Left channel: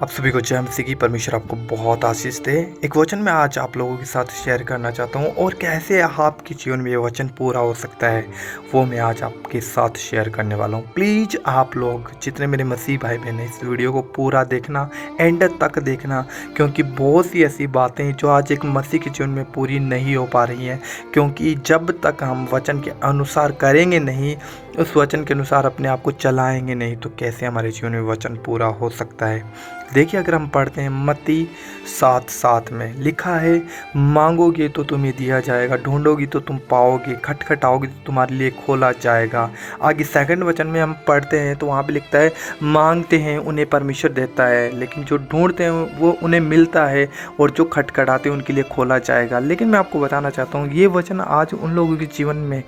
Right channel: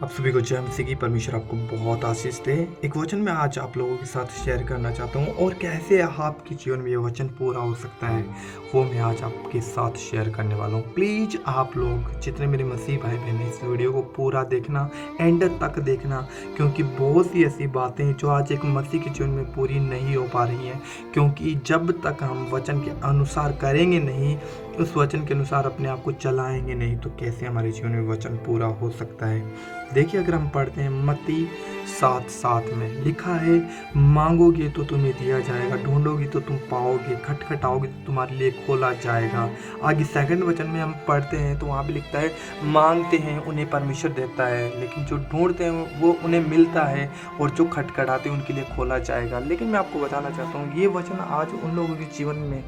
आप सभी को जय मसीह की परमेश्वर आपको बहुत आशीष दे। एक वचन मैं आज आप लोगों के साथ शेयर करना चाहता हूँ और कैसे आपके जीवन में ये वचन पूरा हो सकता है वो मैं आज आपके साथ शेयर करने वाला हूँ। प्लीज़ आप लोग जितने मेरे मसीह भाई बहन हैं इस वीडियो को पूरा देखना, एंड तक देखना, क्योंकि बहुत सी ऐसी बातें हैं जो आज एक मसीह के जीवन में पूरी नहीं हो पा रही हैं। क्योंकि जब तक हम वचन के अनुसार करेंगे नहीं, उस वचन के अनुसार अपने आप को चलाएंगे नहीं, तो कैसे हमारे जीवन में वचन पूरा हो सकता है। देखिए, अगर हम पढ़ते हैं मत्ती 7:7 में लिखा है, मांगोगे तो तुम्हें दिया जाएगा, ढूंढोगे तो तुम पाओगे, खटखटाओगे तो तुम्हारे लिए खोला जाएगा। आगे सेकंड वचन में हम पढ़ते हैं तो वहाँ पे लिखता है, मांगते हैं उन्हें परमेश्वर देता है, लेकिन जो ढूंढते हैं वो उन्हें मिलता है, और जो खटखटाते हैं उनके लिए खोला जाएगा। लेकिन मैं आपको बताना चाहता हूँ ये वचन आज उन लोगों के जीवन में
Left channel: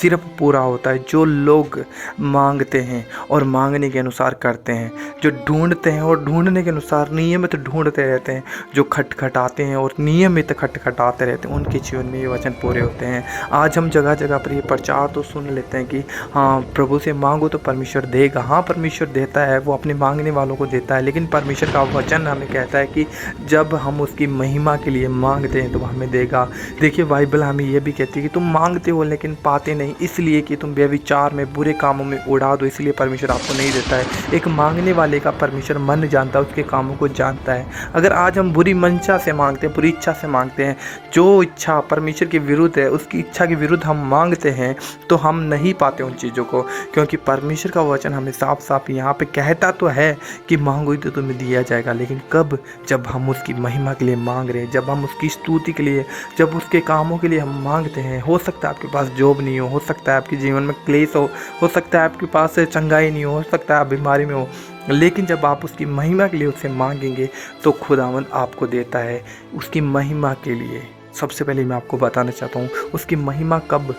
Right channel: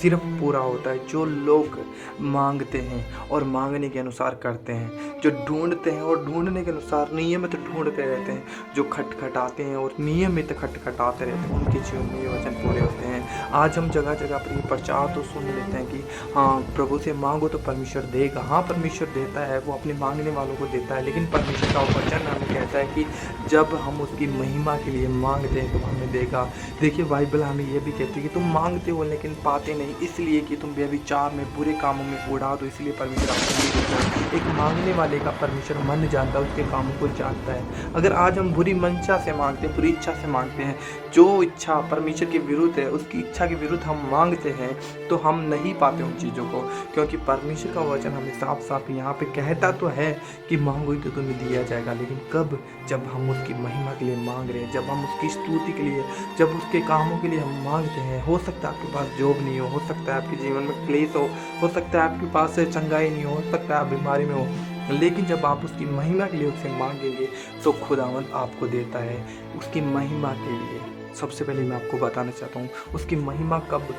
सिर्फ पूरा होता है जो लोग मांगते हैं और मांगने के अनुसार करते हैं, जो ढूंढते हैं और ढूंढने के अनुसार नियमित ढूंढते रहते हैं, जो खटखटाते हैं और नियमित खटखटाते रहते हैं, उनके जीवन में ये वचन पूरे होते हैं। आज हम जगह जगह पर ये प्रचार तो सुन लेते हैं कि हाँ, प्रभु से मांगो तो परमेश्वर देगा। हाँ, परमेश्वर देता है, वो अपने मांगने वालों को देता है, लेकिन परमेश्वर का वचन हमें कहता है कि जब हम उसकी महिमा के लिए मांगते हैं तो वो हमें देगा। देखिए, बाइबल हमें ये भी कहती है कि तुम मांगते हो लेकिन पाते नहीं, इसलिए कि तुम व्यभिचार में, बुरे कामों में उड़ा दो, इसलिए परमेश्वर आपको नहीं देता है। एक मांगने वाले का परमेश्वर मन जानता है, उसके कामों को जानता है। अगर आज हम बुरी मंशा से मांगते हैं, बुरी इच्छा से मांगते हैं, जो इच्छा परमेश्वर के विरुद्ध है, उसकी इच्छा के विरुद्ध हम मांगते हैं, तो हम नहीं पाते उन चीज़ों को। क्योंकि परमेश्वर का वचन हमें साफ साफ यहाँ पे कहता तो है कि मांगोगे तो तुम्हें दिया जाएगा, लेकिन कब? जब हम उसकी महिमा के लिए मांग रहे हैं, जब हम उसकी स्तुति के लिए, जब उसके कामों के लिए हम मांगते हैं। हो सकता है आपके पास जॉब नहीं हो सकता है आपके जीवन में क्लेश हो सकता है आपके पास चंगाई नहीं हो सकता है आप बीमारी में हो, लेकिन जब आप उसकी महिमा के लिए उससे मांगेंगे तो खुदावंद आपको देता है उसकी महिमा के लिए। सबसे पहले मैं आपको बताना चाहता हूँ उसकी महिमा कब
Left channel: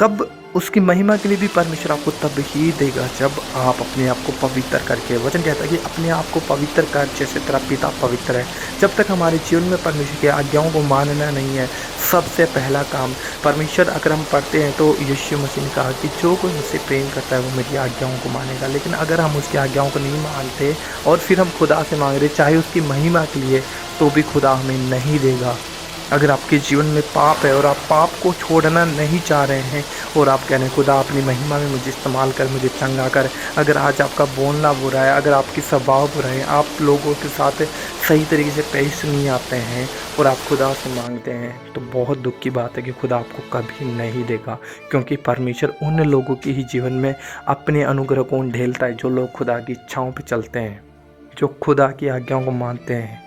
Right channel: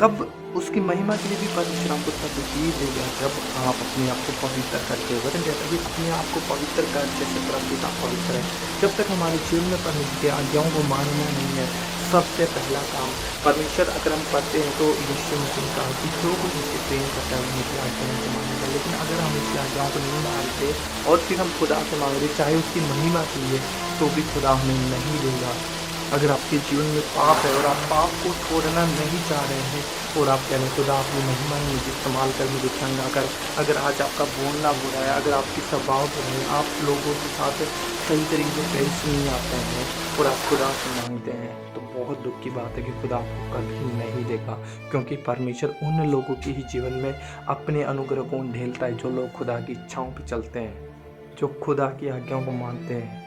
कब उसकी महिमा के लिए भी परमेश्वर आपको तब ही देगा जब आप अपने आप को पवित्र करके, वचन कहता है कि अपने आप को पवित्र कर जैसे तेरा पिता पवित्र है। जब तक हमारे जीवन में परमेश्वर की आज्ञाओं को मानना नहीं है, सबसे पहला काम परमेश्वर, अगर हम पढ़ते हैं तो यीशु मसीह ने कहा कि जो कोई मुझसे प्रेम करता है वो मेरी आज्ञाओं को मानेगा। लेकिन अगर हम उसकी आज्ञाओं को नहीं मानते और फिर हम खुदा से मांग रहे चाहे उसकी महिमा के लिए, तो भी खुदा हमें नहीं देगा। अगर आपके जीवन में पाप है और आप पाप को छोड़ना नहीं चाह रहे हैं और आप कह रहे हैं खुदा अपनी महिमा में मुझे इस्तेमाल कर, मुझे चंगा कर, अगर आज आपका बोलना बुरा है, अगर आपकी स्वभाव बुरा है, आप लोगों के साथ सही तरीके से पेश नहीं आते हैं और आप खुदा से मांगते हैं, तो बहुत दुख की बात है कि खुदा आपको कभी नहीं देगा। क्योंकि परमेश्वर उन लोगों के ही जीवन में अपने अनुग्रह को ढेलता है जो लोग खुदा की इच्छाओं पर चलते हैं, जो खुदा की आज्ञाओं को मानते हैं।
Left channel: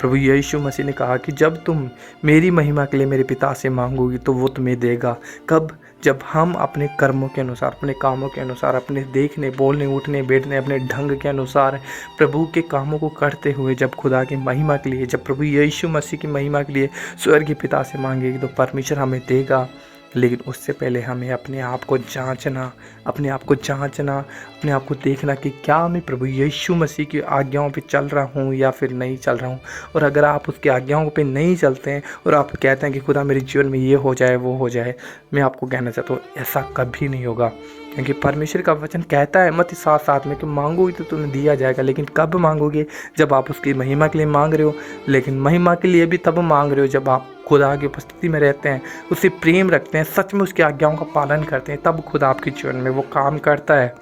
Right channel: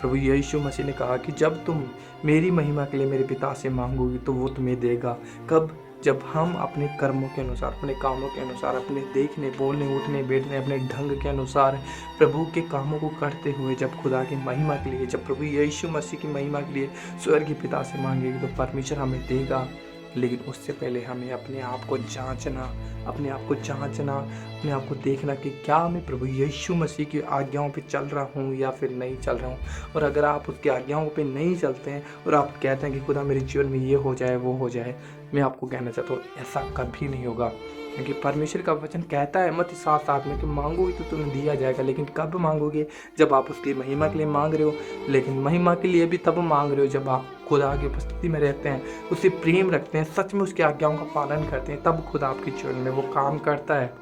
प्रभु यीशु मसीह ने कहा कि जब तुम मेरी महिमा के लिए मेरे पिता से मांगोगी तो वो तुम्हें देगा। कब? जब हम अपने कर्मों के अनुसार, अपने कामों के अनुसार, अपने देखने, बोलने, उठने, बैठने, अपने ढंग के अनुसार प्रभु के कामों को करते हुए जब खुदा की महिमा के लिए, जब प्रभु यीशु मसीह की महिमा के लिए स्वर्ग के पिता से मांगेगी तो परमेश्वर हमें देगा। लेकिन उससे पहले हमें अपने आप को जांचना, अपने आप को देखना कि क्या मैं प्रभु यीशु मसीह की आज्ञाओं पे चल रहा हूँ या फिर नहीं चल रहा हूँ। और अगर आप उसकी आज्ञाओं पे नहीं चलते हैं और आप कहते हैं कि खुदा मेरे जीवन में ये हो जाए वो हो जाए, मैं आपको कहना चाहता हूँ ऐसा कभी नहीं होगा। क्योंकि परमेश्वर का वचन कहता है मत्ती 7:7 में कि मांगोगे तो तुम्हें दिया जाएगा। लेकिन कब मांगोगे? जब आप उसकी महिमा के लिए मांग रहे हो। लेकिन महिमा के लिए भी तब मांग रहे हो जब आप खुदा की उपस्थिति में रहते हैं, उससे प्रेम रखते हैं, सच में उसकी आज्ञाओं का पालन करते हैं, तब खुदा आपके जीवन में वो काम करता है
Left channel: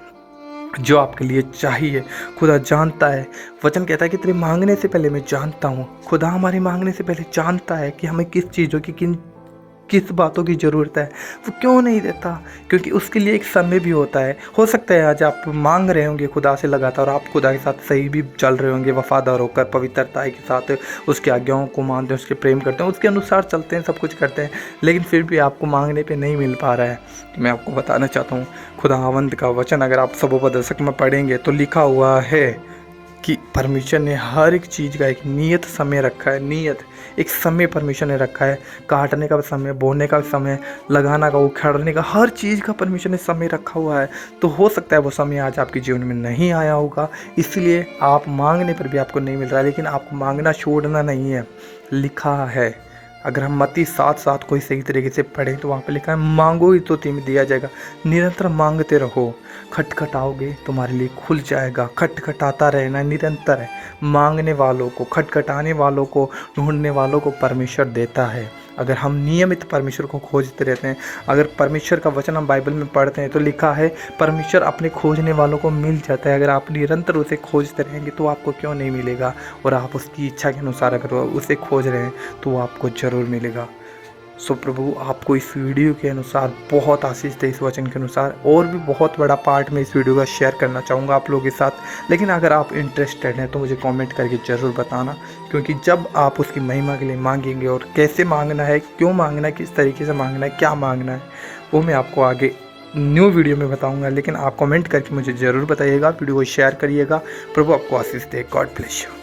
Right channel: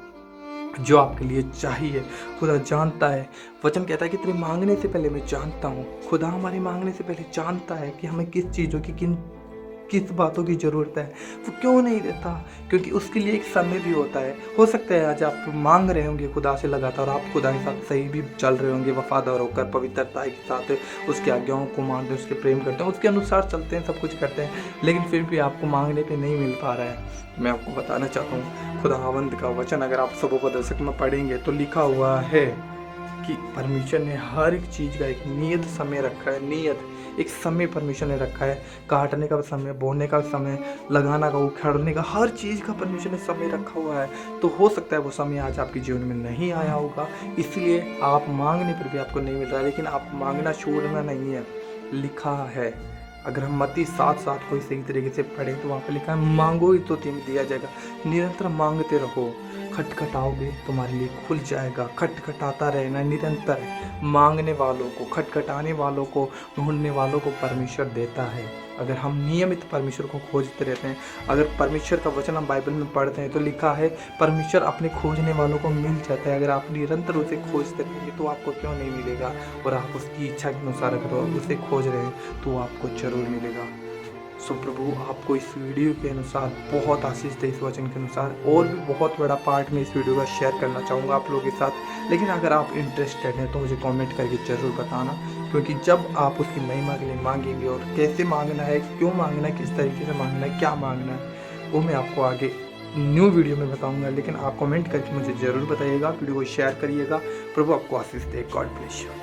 जो आपके लिए चाहिए। खुदा जानता है, वचन कहता है कि तेरे मांगने से पहले मैं जानता हूँ। खुदा हमारे मांगने से पहले जानता है कि हमें किस चीज़ों की किस बातों की ज़रूरत है। वो क्यों नहीं देता? क्योंकि उसके लिए एक समय भी होता है। हो सकता है आज आप मांग रहे होंगे खुदा से लगातार, आप खुदा के साथ सही भी चल रहे होंगे, वफादार होकर पवित्रता के साथ उसकी आज्ञाओं को मानते हैं, उसके प्रेम करते हैं, उसके अनुसार चलते हैं, सब कुछ करते हैं, लेकिन फिर भी आपको मांगने पे नहीं मिल पा रहा है। मैं आपको बताना चाहता हूँ खुदावंद का वचन अगर आप सबोपदेशक में पढ़ेंगे तो लिखा हुआ है कि परमेश्वर ने हर एक चीज़ का एक नियत समय रखा है। एक समय परमेश्वर ने रखा है, काटने का समय, बोने का समय, लगाना का, उखाड़ने का, हर चीज़ का परमेश्वर ने समय रखा हुआ है। तो हो सकता है वो समय आज आपके जीवन में नहीं आया होगा, इसलिए आप मांगने पर भी आपको नहीं मिल रहा है, लेकिन आपको मांगना छोड़ना नहीं है। लिखा है, अगर हम मत्ती 7:7 को सही तरीके से पढ़ें तो वहाँ पे लिखा है, मांगोगे तो तुम्हें दिया जाएगा, निरंतर मांगते रहो, खटखटाओगे तुम्हारे लिए खुल जाएगा। खटखटाता रहना निरंतर है, मांगने वालों को, खटखटाने वालों को, ढूंढने वालों को परमेश्वर देता है। अगर हम नियमित परमेश्वर को खोजते रहते हैं, अगर परमेश्वर का वचन हम बाइबल में पढ़ते हैं तो लिखा है परमेश्वर अपने खोजने वालों को मिल जाता है। अगर आप निरंतर उसे खोजते रहेंगे तो आपको क्यों नहीं मिलेगा, और आप उसकी इच्छा के अनुसार अगर उसे खोज रहे हैं तो आपको ज़रूर मिलेगा। सो प्रभु आपको इस वीडियो के अनुसार बहुत आशीष दे, इस वचन के अनुसार। और भी बहुत बड़ा पार्ट में इस वीडियो का शेयर करना चाहूँगा आप लोगों के साथ, लेकिन अगर आप इंटरेस्टेड हैं तो मुझे कमेंट करके ज़रूर बताना, क्योंकि जब आप उसकी महिमा के लिए मांगेंगे और कैसे मांगना है, क्यों मांगना है, किस तरीके से मांगना है, क्या मांगना है, वो मैं आपको आगे न्यू वीडियो में बताऊँगा। लेकिन आप कमेंट करके मुझे ज़रूर बताइएगा, वीडियो को शेयर करिएगा। प्रभु आपको आशीष दे। God bless you.